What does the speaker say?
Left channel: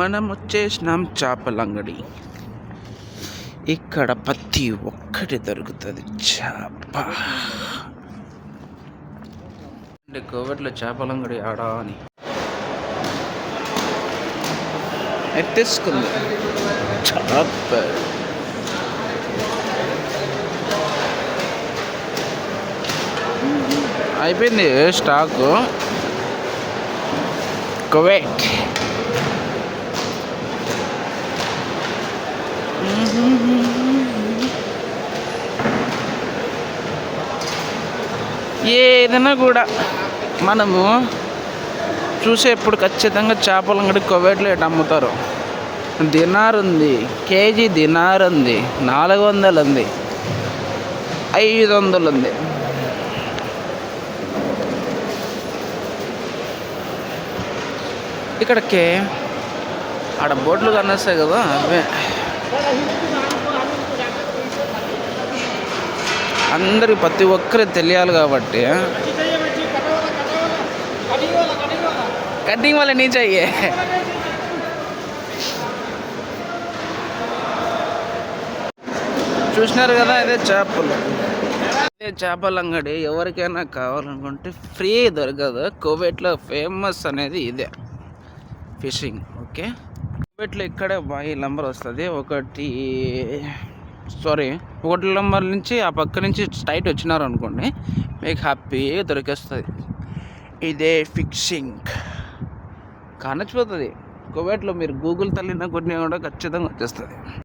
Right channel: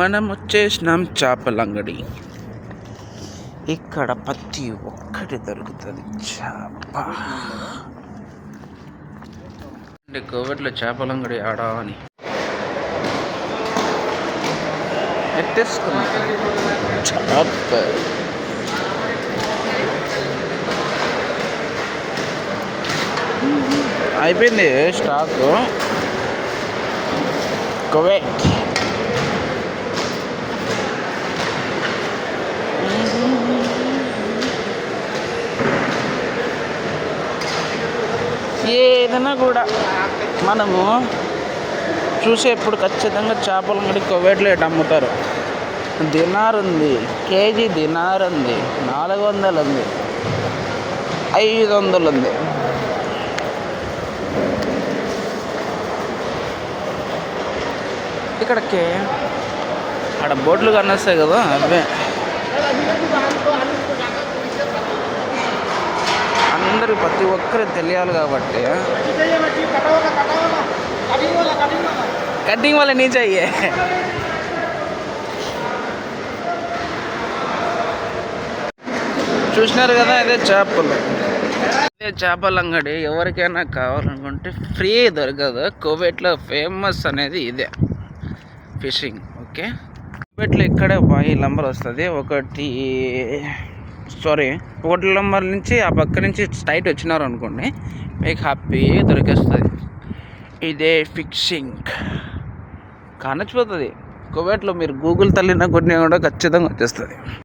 మనం వచ్చేసినాం చేపల అంగడి. ఇక్కడ ప్రతి ఒక్కటి దొరుకుతుంది. చేప అంటే కోవిడ్లో చేపల అంగడి ఆడా అని ఎత్తేసుకుంది. చేప అయిపోయింది స్టాక్. కువైట్ ఏదైనా కూడా మనము చూసేప్పుడు ఖచ్చితంగా చేపల అంగడి కువైట్లో ఎటు అమ్ముతారు. దినార్ ఉంది, కేజీ దినార్ ఉంది, 400 ఉంది, 500 ఉంది. ఇక్కడికి ఆడ బోట్లు కనిపిస్తాయి కదా, అవే అందరికి ప్రతి ఒక్కరికి తెలియాలి కాబట్టి కటింగ్ వాళ్ళ నీచ్ అయ్యే చూసినారు కదా. అదే చేపలు, అదే చేపల అంగడి. ఎవరికైనా కావాలనుకుంటే ఫ్రీ దొరకదు. కువైట్లో ఫేమస్ అనేది ఇదే ఫిషింగ్. ఓకే, కువైట్లో ఇక్కడే ఈ నంబర్ వస్తుంది. ఒకటి నంబర్ నుంచి ఆ పక్క నుంచి స్ట్రైట్ వచ్చినారు అనుకోండి, మీకు హ్యాపీ దొరికేస్తుంది. ఇదే ఫిషింగ్ కానచ్చిపోతుంది. కువైట్లో మీరు గూగుల్ తల్లిన కొట్టినా కూడా ఖచ్చితంగా వచ్చేస్తుంది.